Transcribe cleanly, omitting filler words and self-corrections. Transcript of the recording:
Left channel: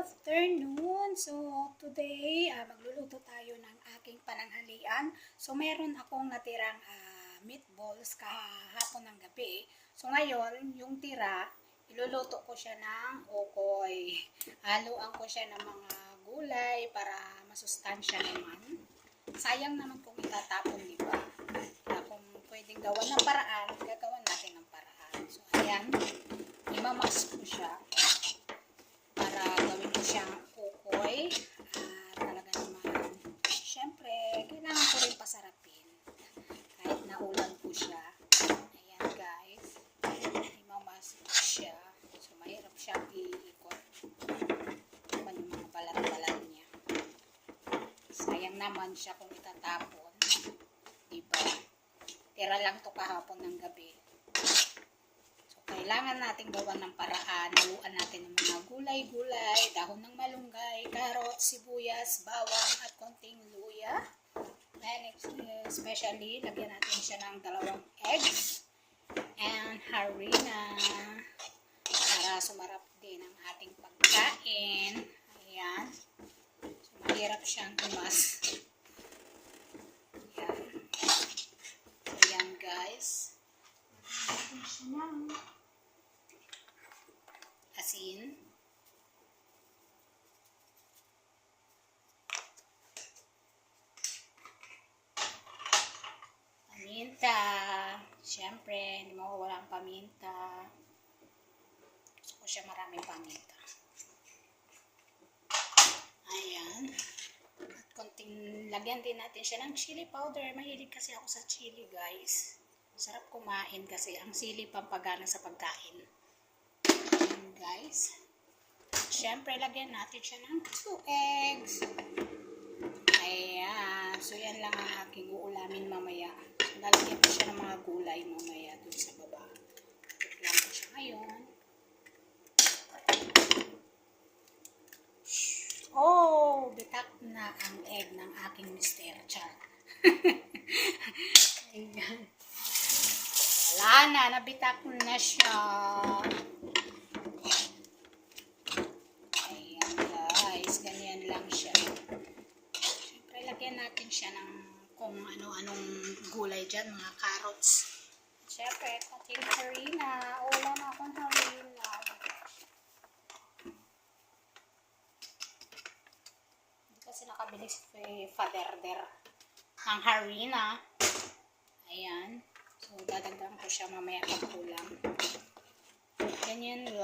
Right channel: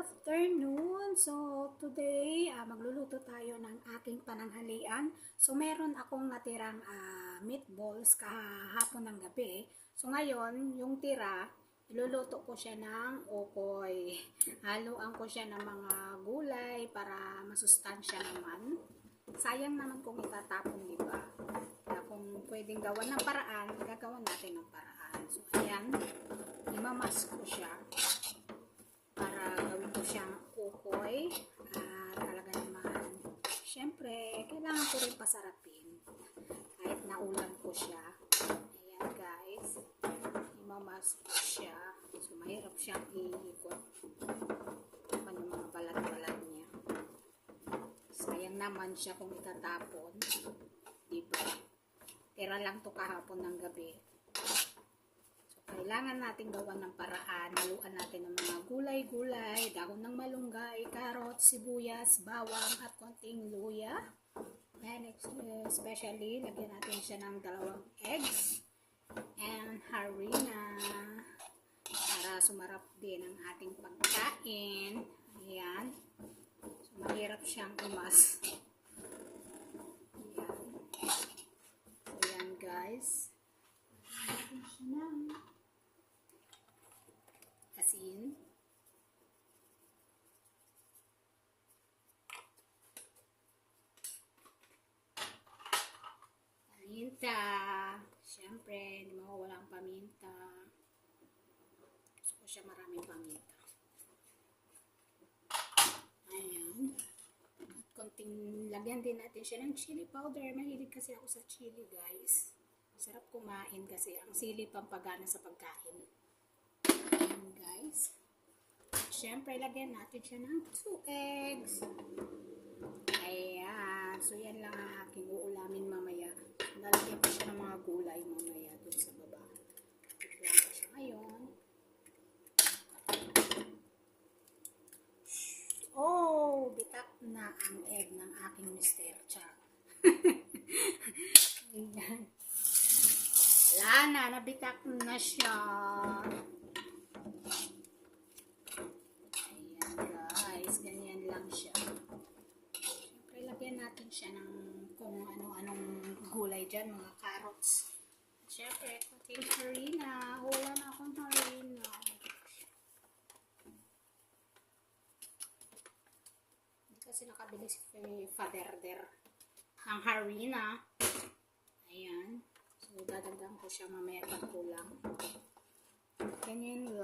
afternoon. So, today, magluluto tayo ng aking pananghalian. So, meron akong natirang meatballs kahapon ng gabi. So, ngayon, yung tira, iluluto ko siya ng okoy. Haluan ko siya ng mga gulay para masustansya naman. Sayang naman kung itatapon, di ba? Kaya kung pwedeng gawan ng paraan, gagawan natin ng paraan. So, ayan, imamas ko siya para gawin ko siyang ukoy. Talaga naman, syempre, kailangan ko rin pasarapin kahit naulan ko siya. Ayan guys, imamas ko siya. So mahirap siyang iikot naman yung mga balat-balat niya. Sayang naman siya kung itatapon, diba? Tira lang to kahapon ng gabi. Kailangan natin gawan ng paraan. Haluan natin ng mga gulay-gulay, dahon ng malunggay, carrots, sibuyas, bawang, at konting luya. And especially, lagyan natin siya ng 2 eggs and harina para sumarap din ang ating pagkain. Ayan. So, mahirap siyang imas. Ayan. Ayan guys. Lagyan siya ng asin, paminta, syempre hindi mawawala ang paminta. Gusto ko siya maraming paminta. Ayan, at konting lagyan din natin siya ng chili powder. Mahilig kasi ako sa chili guys, sarap kumain kasi ang sili pampagana sa pagkain. Guys, syempre lagyan natin siya ng 2 eggs. Ayan, so yan lang ang aking uulamin mamaya. So, lalagyan ko siya ng mga gulay mamaya dun sa baba. Tignan ko siya ngayon. Oh, bitak na ang egg ng aking Mr. Char. Ayan. Wala na, nabitak na siya. Lagyan natin siya ng kung ano-anong gulay dyan, mga carrots. Siyempre, konting harina. Wala na akong harina. Hindi kasi nakabili si Father Der ng harina. Ayan. So, dadagdagan ko siya mamaya pag kulang. Ganyan lang.